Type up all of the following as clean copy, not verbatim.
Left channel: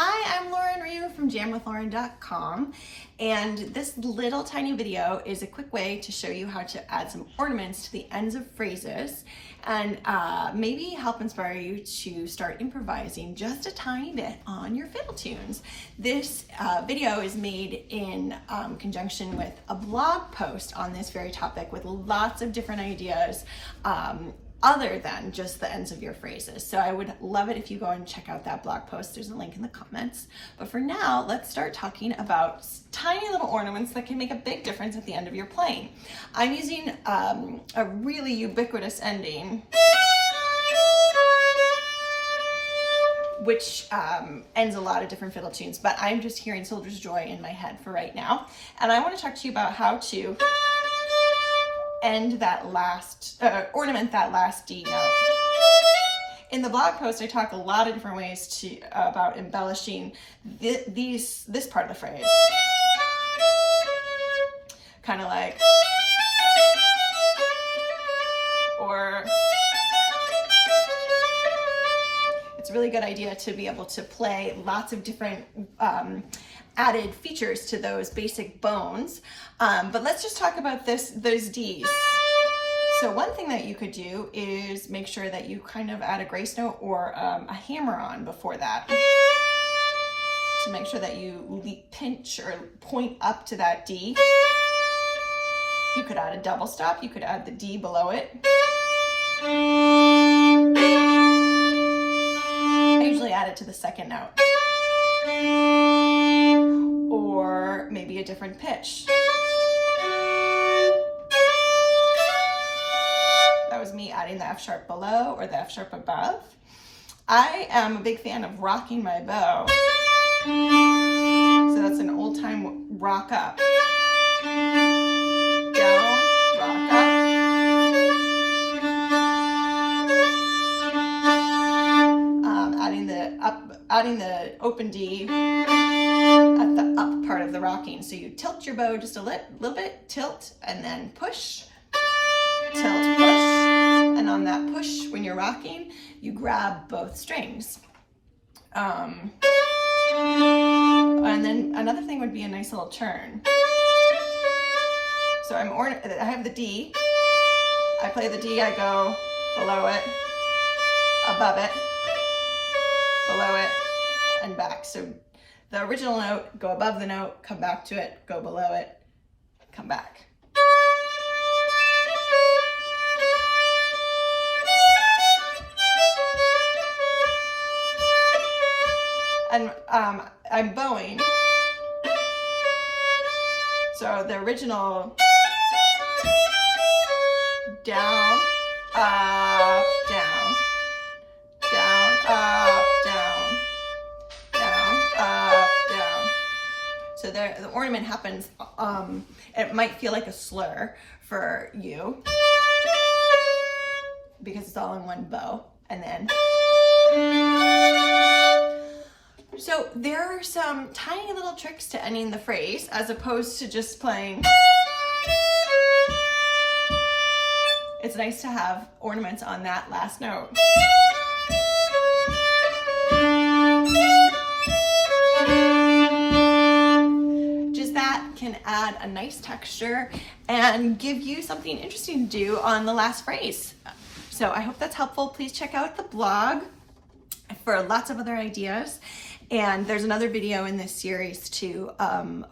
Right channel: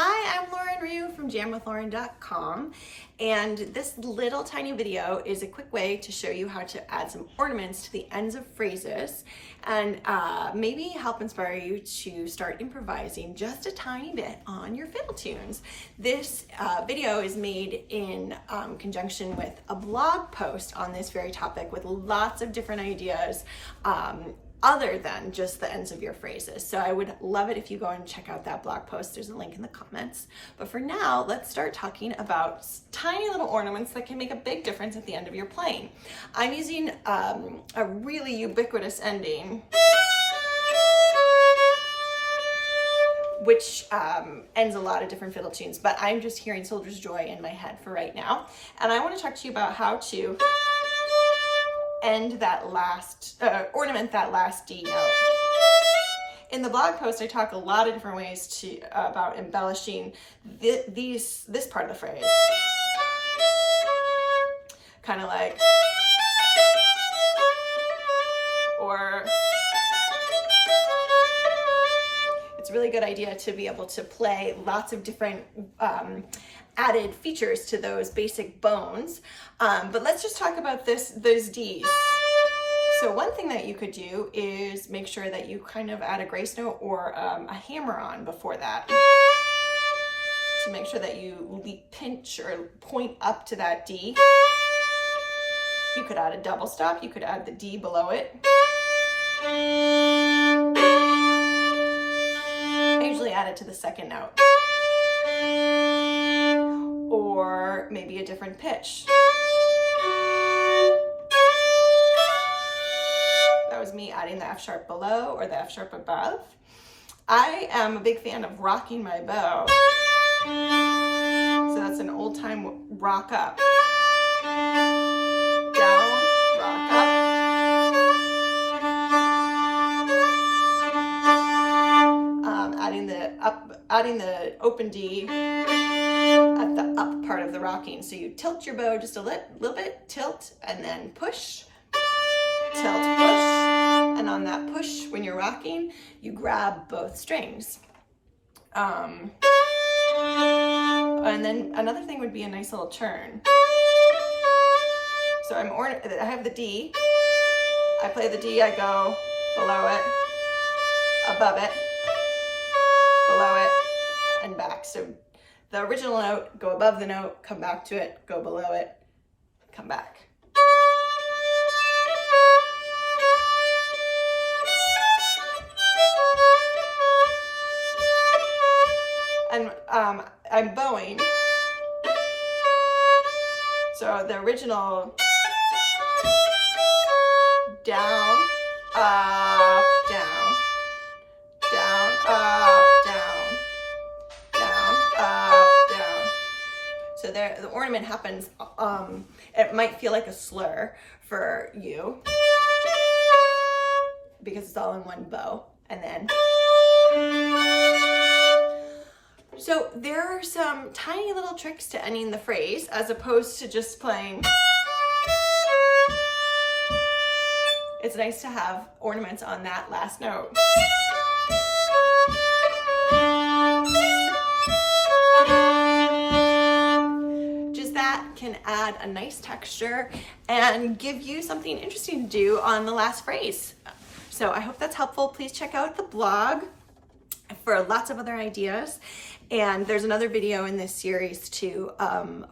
Hi, I'm Lauren Ryu from jamwithlauren.com, and this little tiny video is a quick way to show you how to add some ornaments to the ends of phrases and maybe help inspire you to start improvising just a tiny bit on your fiddle tunes. This video is made in conjunction with a blog post on this very topic with lots of different ideas other than just the ends of your phrases. So I would love it if you go and check out that blog post. There's a link in the comments. But for now, let's start talking about tiny little ornaments that can make a big difference at the end of your playing. I'm using a really ubiquitous ending, which ends a lot of different fiddle tunes, but I'm just hearing Soldier's Joy in my head for right now. And I want to talk to you about how to end that last, ornament that last D note. In the blog post, I talk a lot of different ways about embellishing this part of the phrase. Kind of like, or it's a really good idea to be able to play lots of different added features to those basic bones. But let's just talk about those Ds. So one thing that you could do is make sure that you kind of add a grace note or a hammer-on before that to make sure that you pinch or point up to that D. You could add a double stop. You could add the D below it. I usually add it to the second note. Or maybe a different pitch. That was me adding the F sharp below or the F sharp above. I am a big fan of rocking my bow. So that's an old time rock up. Down, rock up. Adding the open D at the up part of the rocking. So you tilt your bow just a little bit, tilt, and then push, tilt, push. And on that push, when you're rocking, you grab both strings. And then another thing would be a nice little turn. So I have the D. I play the D, I go below it, above it, below it, and back. So the original note, go above the note, come back to it, go below it, come back. And I'm bowing. So the original down, up, down, down, up, down, down, up, down. So there, the ornament happens, it might feel like a slur for you because it's all in one bow, and then. So there are some tiny little tricks to ending the phrase as opposed to just playing. It's nice to have ornaments on that last note. Just that can add a nice texture and give you something interesting to do on the last phrase. So I hope that's helpful. Please check out the blog for lots of other ideas. And there's another video in this series too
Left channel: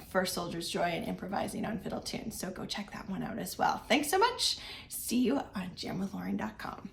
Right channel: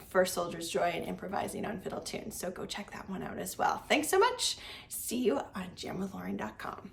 for Soldier's Joy and improvising on fiddle tunes. So go check that one out as well. Thanks so much. See you on jamwithlauren.com.